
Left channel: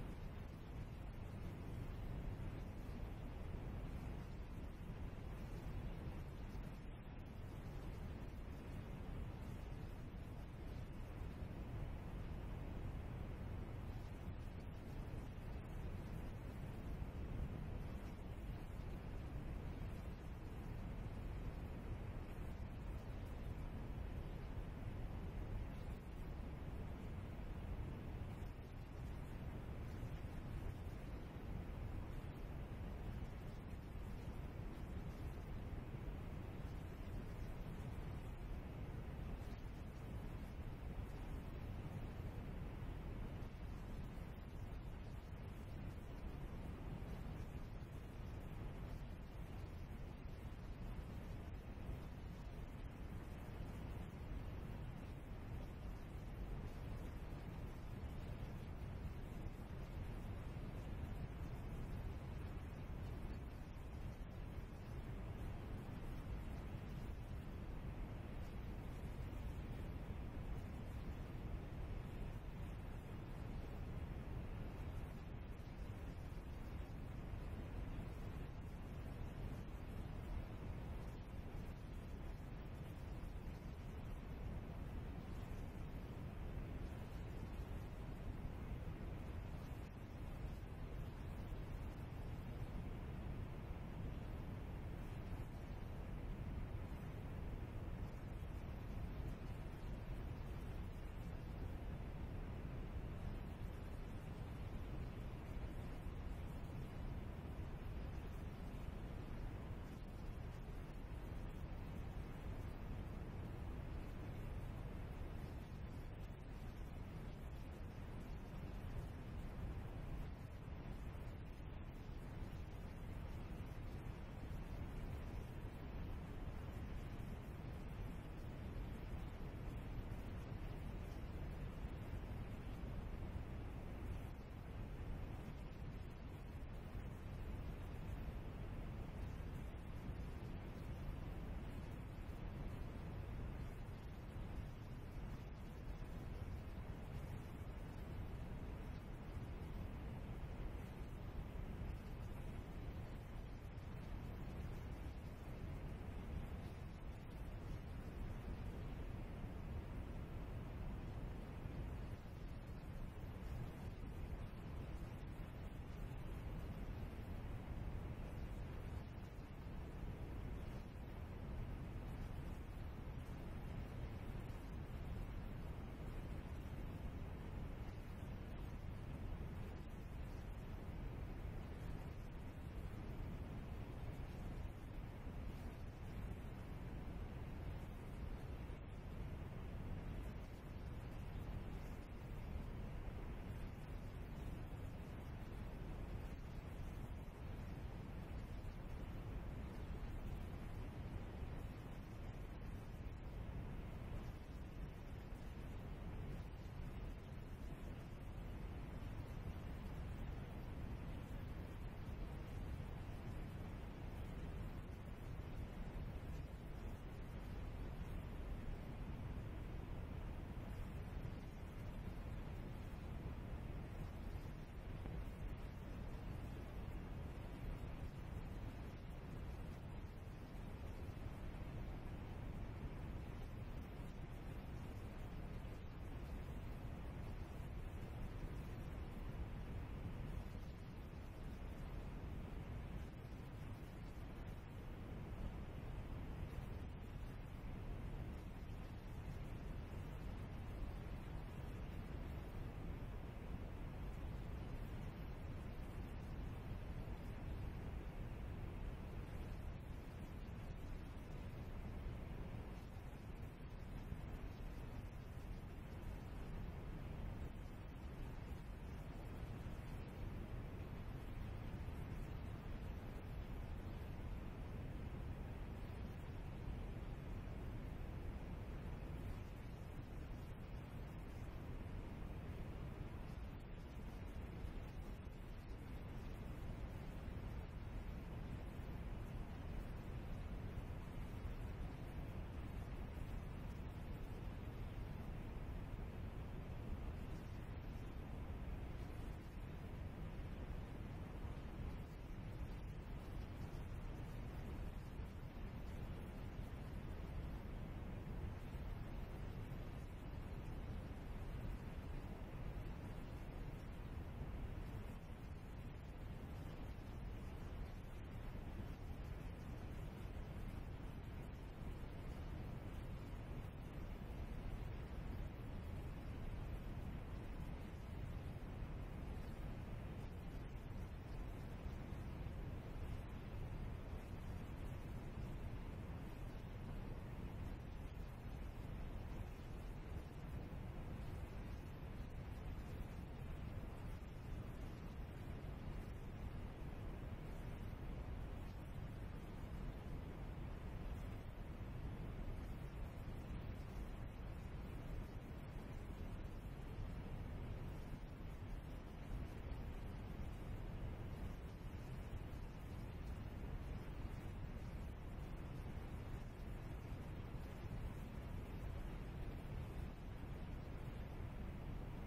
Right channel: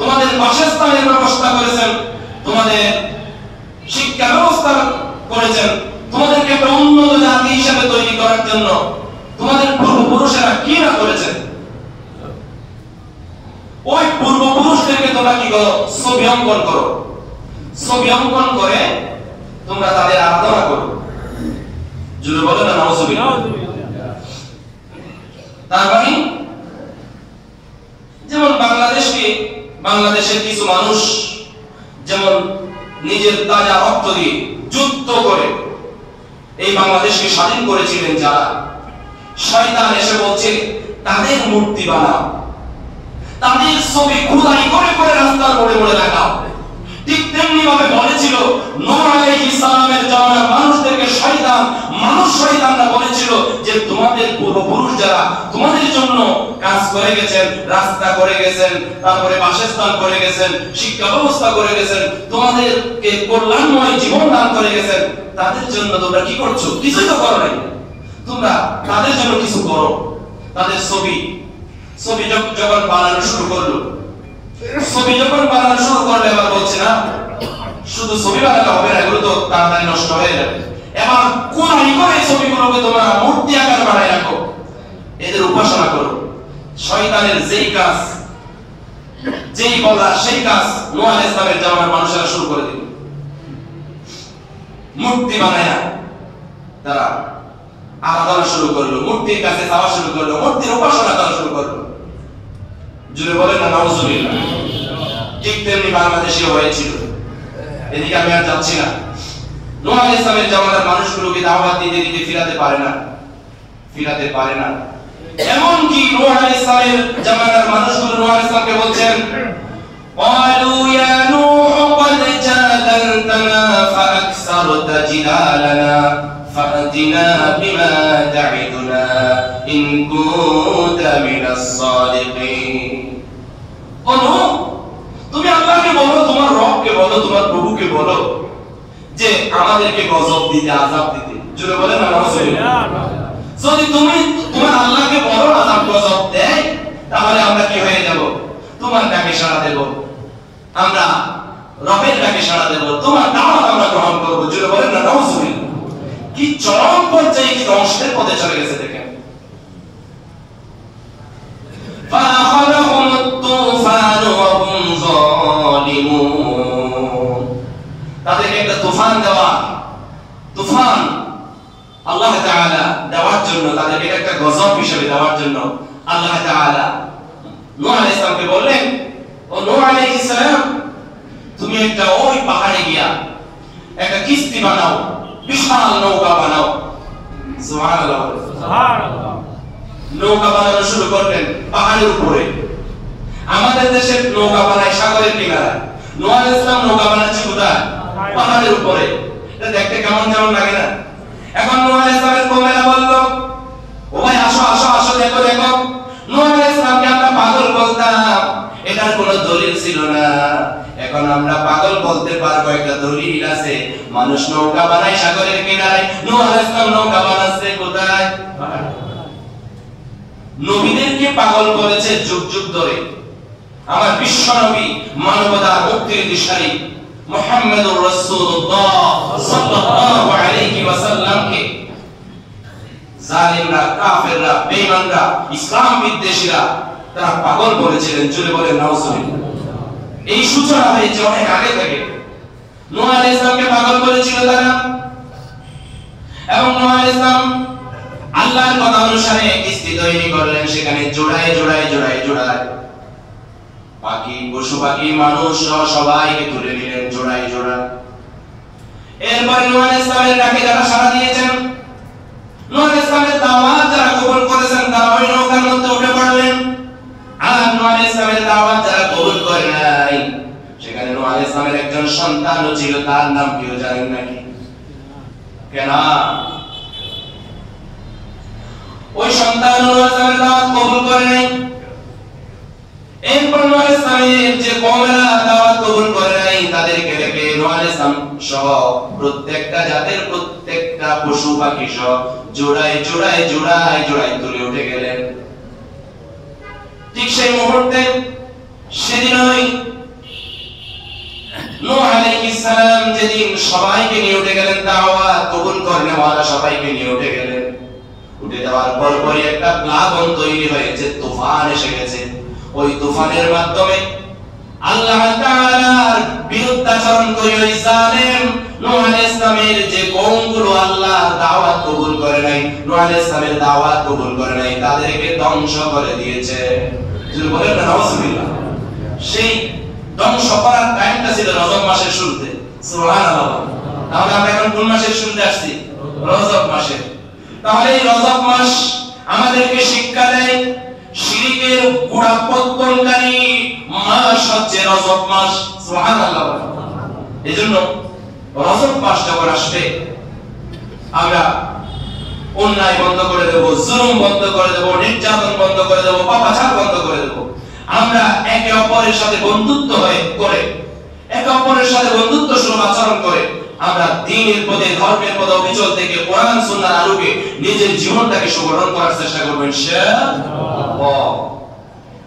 তোমাদের বাসস্থানের ব্যবস্থা করেছেন, তোমাদের শিক্ষা ব্যবস্থা করেছেন, তোমাদেরকে একটা উন্নত জাতি হিসেবে তৈরি করার জন্য তোমাদের পূর্বপুরুষেরা কি না করেছেন। ওই পূর্বপুরুষদেরকে তোমরা কি করো? ছবি অঙ্কন করো। ছবি অঙ্কন করে তোমরা তাদের আরাধনা করো। জুড়ে বলো না নাউজুবিল্লাহ। তার মানে যেমন বাংলাদেশের কিছু মানুষ যেমন নিজের তাজা রক্ত দিয়ে যুদ্ধ করে এই বাংলাদেশকে স্বাধীন করেছিলেন, যারা শয়তান এসে বলছে তাদের মূর্তি বানাও, তাদের ছবি খোদাই করে করে রাস্তার মোড়ে মোড়ে লাগাও। ঠিক তেমনি ভাবে বলেছিল নূহ আলাইহিস সালামের জামানার মানুষদেরকে শয়তানরা বলেছিল যে তোমাদের পূর্বপুরুষ যারা তোমাদের জন্য কাজ করে গেছেন, রাস্তা করে গেছেন, তারপরে বাসস্থান করে গেছেন, শিক্ষা ব্যবস্থা করে গেছেন, তোমাদেরকে কল্যাণময় জীবন দান করে গেছেন, তাদের জন্য তোমরা কি করছো? কিছুই তো করো নাই। তোমরা তাদের জন্য কিছু করো। তাদের ছবি যখন বানানো শুরু করলো, এবার বলছে না শুধু ছবি বানালে হবে না, এগুলো তো তাড়াতাড়ি নষ্ট হয়ে যাবে। এবার কোরআন করে ছবিগুলোকে তোমরা মূর্তি আকার বানায় রাখো, এদের উপাসনা করো। শয়তানের যেই কাজ, যেই বলা সেই কাজ নূহ আলাইহিস সালামের জামানার মানুষেরা শুরু করে দিল। মূর্তি বানায় তারা আরাধনা শুরু করলো, মূর্তির কাছে যাওয়া শুরু করলো, মূর্তির উপাসনা করা শুরু করলো। জুড়ে বলেন না নাউজুবিল্লাহ। ঠিক তেমনি বাংলাদেশে হয়েছিল। এদিকে আমি আর যাচ্ছি না। নূহ আলাইহিস সালামের জামানার মানুষগুলোকে দাওয়াত দিতে দিতে ফিরাতে পারে না। এমন কি নূহ আলাইহিস সালামের জামানার মানুষগুলো নূহ আলাইহিস সালামকে বলছেন, ক্বালু ইয়া নূহ ক্বাদ জাদালতানা ফাআকসারতা জিদালানা ফাআতিনা বিমা তা'ইদুনা ইন কুনতা মিনাস সাদিকিন। ও নূহ, তুমি আল্লাহকে বলো, তোমার রবকে বলো, তোমার প্রভুকে বলো যে আমাদেরকে গজব দিতে, আযাব দিতে। জোরে বলেন না নাউজুবিল্লাহ। যদি তুমি তোমার আল্লাহকে বলো আযাব গজব দেয়, তাহলে আমরা কি হয়ে যাব? তোমার ডাকে সাড়া দেব, আমরা রবের ডাকে সাড়া দেব, তোমার দাওয়াত আমরা গ্রহণ করব। জোরে বলেন না নাউজুবিল্লাহ। কি চরম পর্যায়ে, কি ধ্বংসের পথে চলে গেছে দেখেন। তাদেরকে একটা তুফান আল্লাহ তাআলা দেওয়ার জন্য, তাদেরকে একটা গজব হিসেবে দেওয়ার জন্য আল্লাহ তাআলা নূহ আলাইহিস সালামকে বললেন, ও নূহ আলাইহিস সালাম, তুমি একটা ওই পাহাড়ে গিয়া একটা কিস্তি বানাও, বিশাল নৌকা বানাও। সুবহানাল্লাহ, সুবহানাল্লাহ। নৌকা বানানো শুরু করলেন পাহাড়ের উপরে। আমাদের দেশের নৌকা বানায় সাগরের কিনারায়, নূহ আলাইহিস সালাম নৌকা বানাচ্ছে কোথায়? পাহাড়ের উপরে। এটা দেখতে কেমন কেমন লাগে না? এখন নূহ আলাইহিস সালামের কওমেরা বলল, ও ভাই আসো আসো আসো, দেখো দেখো। নূহ আলাইহিস সালামকে আমরা পাগল বলতাম, এটার কোনো দলিল ছিল না। এখন আমরা পাগল বলতে পারবো, একটা দলিল আছে। মানুষ নৌকা বানায় সাগরের কিনারায়, নূহ আলাইহিস সালাম নৌকা বানাচ্ছে কোথায়? নবীদেরকে পাগল করেছে যুগ যুগ ধরে। আমার বিশ্বনবী মানবতার মুক্তির দিশারি মুহাম্মদুর রাসূলুল্লাহ সাল্লাল্লাহু আলাইহি ওয়াসাল্লামকে জালিমরা, কাফেররা, বেঈমানরা, ইসলাম বিদ্বেষীরা তারা পাগল বলেছিলেন। জোরে বলেন নাউজুবিল্লাহ। এই সূচনা হয়েছে অনেক আগে থেকে। নূহ আলাইহিস সালামকে পাগল বলেছিল তারা, এবং নূহ আলাইহিস সালাম আল্লাহর কথা অনুসারে কিস্তি তৈরি করলেন, সেখানে জোড়ায় জোড়ায় জোড়ায় জোড়ায় পাখি, পশু পাখি, মানুষ সবাইকে তুলে নিলেন জোড়ায় জোড়ায়। এরপরে নূহ আলাইহিস সালামের ডাকে যারা সাড়া দিয়েছেন, নূহ আলাইহিস সালামের দাওয়াত যারা কবুল করেছেন, তারা ওই নৌকার মধ্যে উঠে পড়লেন। আর নূহ আলাইহিস সালামের দাওয়াত যারা কবুল করে নাই, সেখানে নূহ আলাইহিস সালামের একজন সন্তানও ছিল, তার নাম কি জানেন নাকি? কেন? ওই সন্তান নূহ আলাইহিস সালামের দাওয়াত কবুল করে নাই। এরপর নূহ আলাইহিস সালামের যে কওমেরা দাওয়াত কবুল করে নাই, তাদেরকে রেখে নূহ আলাইহিস সালাম সহ প্রত্যেকটা জাতের প্রত্যেকটা পশু পাখি সহ জোড়ায় জোড়ায় জোড়ায় জোড়ায় তুলে উঠে গেলেন। ঠিক সেই মুহূর্তে সেদিনই নূহ আলাইহিস সালাম যেদিন সবাইকে নিয়ে উঠে গেলেন, দাওয়াত কবুল করনে ওয়ালা সবাইকে নিয়ে উঠে গেলেন। উঠে যাওয়ার পরপরই একটা প্লাবন তৈরি হয়েছে, তুফান এসে গেছে। ওই তুফানের মাধ্যমে আল্লাহ তাআলার বিরুদ্ধাচরণ করে ওই জালেম নূহ আলাইহিস সালামের যে কওমগুলো আল্লাহর দাওয়াত কবুল করে নাই, নূহ আলাইহিস সালামের দাওয়াত কবুল করে নাই, তাদেরকে ধ্বংস করে দিয়েছে। যদি বলেন না নাউজুবিল্লাহ। সেই ধ্বংস করার টাইমটা ছিল রজব মাসের শুরুতে। সুবহানাল্লাহ। তাহলে আমরা এখন কোন মাসের শুরুতে আসছি? রজব মাসে। তাহলে এই রজব মাস আমাদেরকে শিক্ষা দেয় শিরকের গোড়া পত্তনকারী মাস হচ্ছে রজব মাস। সুবহানাল্লাহ। এজন্য রজব মাস যখন আসবে, আমরা অন্যায় বন্ধ করে দেব, জুলুম বন্ধ করে দেব, নির্যাতন বন্ধ করে দেব, পাপাচার বন্ধ করে দেব। আমরা একে অপরের সাথে বন্ধুত্ব করে, একে অপরের সাথে বন্ধুত্ব সুলভ আচরণ করে আমরা দ্বীনের পথে, ধর্মের পথে অবিচল থেকে কোরআন সুন্নাহর আলোকে নিজের জীবনটাকে সুগঠন করার চেষ্টা করব ইনশাআল্লাহ।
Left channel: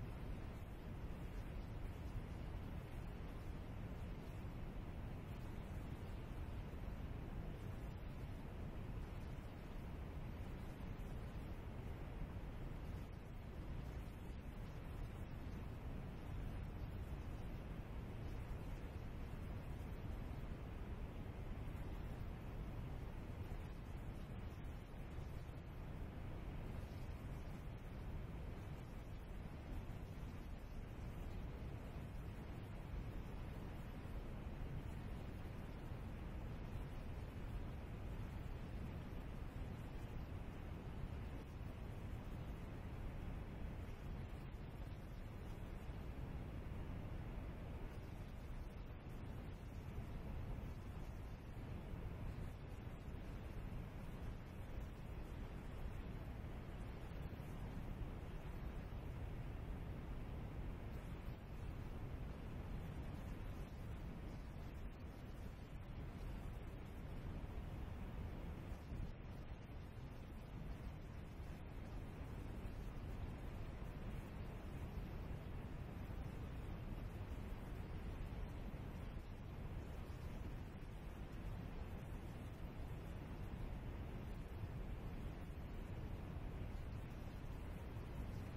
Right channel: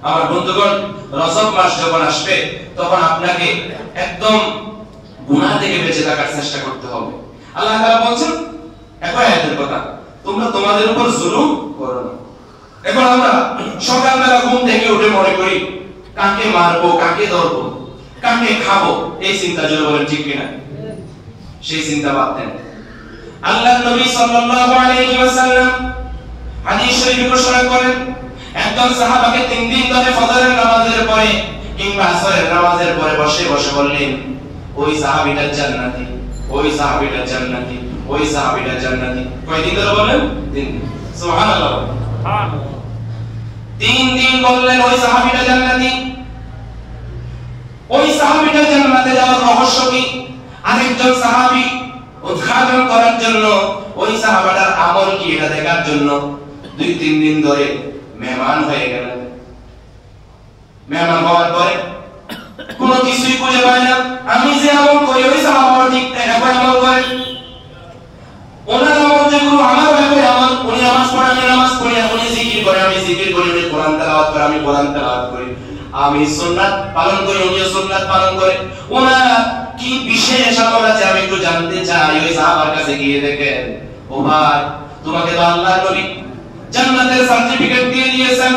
আমার বন্ধুগণ, রজব মাস যখন আসবে তখন আপনাকে একদম গুনাহ থেকে বেঁচে থাকার চেষ্টা করতে হবে। আল্লাহ তাআলা বলেন একই আয়াতের কথা, তোমরা তোমাদের উপর জুলুম করো না। এখন আমরা সকালবেলা ঘুম থেকে উঠে মনে করি কাকে মারবো, কাকে ধরবো, কাকে খাবো, এই চিন্তা জোরে বলেন ঠিক কিনা? সেই চিন্তা বাদ দেন। আল্লাহর নবী সাল্লাল্লাহু আলাইহি ওয়াসাল্লাম হাদিস শরীফে ঘোষণা করেন, একজন সাহাবাকে 3 দিন ধরে ফজরের নামাজের পরে কিংবা আসরের নামাজের পরে বসে বসে বললেন, ওই সাহাবীটা জান্নাতি, ওই সাহাবীটা জান্নাতি, ওই সাহাবীটা জান্নাতি। কয়দিন ধরে বলেন? 3 দিন। সুবহানাল্লাহ। 3 দিন বললেন ওই সাহাবীটা জান্নাতি। ওই সাহাবীটা জান্নাতে যাওয়ার রহস্য কি? আরেকজন সাহাবী উদ্ঘাটন করার জন্য, ওই সাহাবাটার আমল কি এটা দেখার জন্য 2-3 দিন ধরে মেহমান হয়ে গেলেন। মেহমান হওয়ার পরে কোনো কিছুই খুঁজে পায় না। আমি যে আমল করি ওই সাহাবা ঠিক একই আমল করে, ওনার আমল যেগুলো আমার একই আমল। উনি নামাজ পড়ে আমি নামাজ পড়ি, উনি জিকির করে আমি জিকির করি, উনি কোরআন তেলাওয়াত করে আমি কোরআন তেলাওয়াত করি, আমি সুন্নাত পালন করি উনিও সুন্নাত পালন করে। ওনার কি বিশেষ আমল আছে আমি একটু জানতে চাই। ওই সাহাবার কাছে গিয়ে দেখেন, ও ভাই তোমাকে তো আল্লাহর নবী জান্নাতের সার্টিফিকেট দিয়ে দিয়েছেন,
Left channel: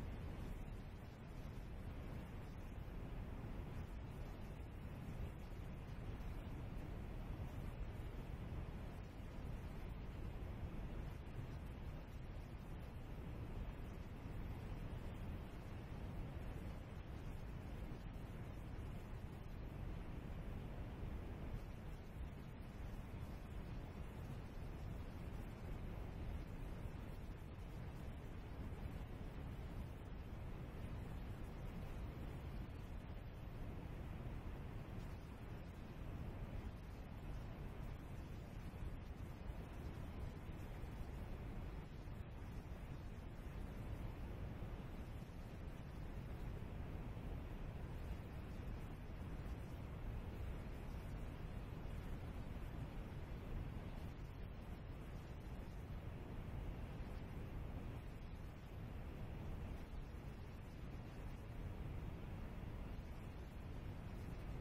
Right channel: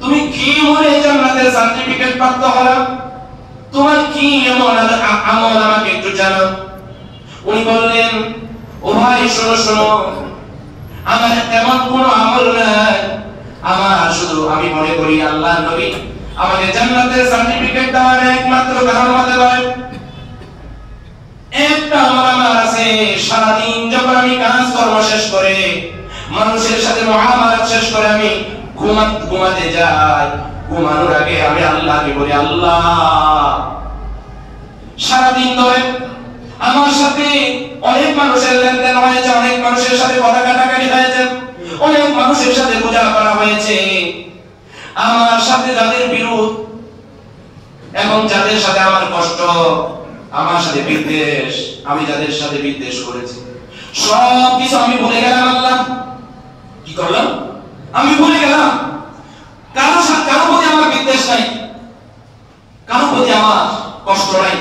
তুমি কি মনে জান্নাতের সার্টিফিকেট প্রাপ্ত হলো? তোমার কি এমন আমল আমাকে একটু জানাও। উনি বললেন, ও ভাই শোনো শোনো, আমার তেমন কোনো আমল নাই, আমার শুধু আমি মনে করি আল্লাহর নবী আমাকে জান্নাতের সার্টিফিকেট দেওয়ার একমাত্র কারণ হতে পারে একটা আমল আমার আছে। সারাদিন যখন আমি কাজ কর্ম শেষ করে, মানুষের সাথে মুআমালাত শেষ করে আমি ঘুমাতে যাই, ঘুমানোর আগে আমি আল্লাহকে বলি, আল্লাহ সারাদিন ধরে আমার সাথে অনেক মানুষের লেনদেন হয়েছে, অনেক মানুষের সাথে কথা কাটাকাটি হয়েছে, অনেক মানুষের সাথে পূজা করা হয়েছে, আমার সাথে যাদের বিরোধ এবং যাদের সাথে আমার কষ্ট, আমার সাথে বিদ্বেষ, আমি যাদের সাথে বিদ্বেষ করেছি, সব কিছু আমি ভুলে গেলাম। আল্লাহ কি করলাম? আমি ভুলে গেলাম। কারো প্রতি আমার বিদ্বেষ কারো প্রতি আমার কষ্ট নাই।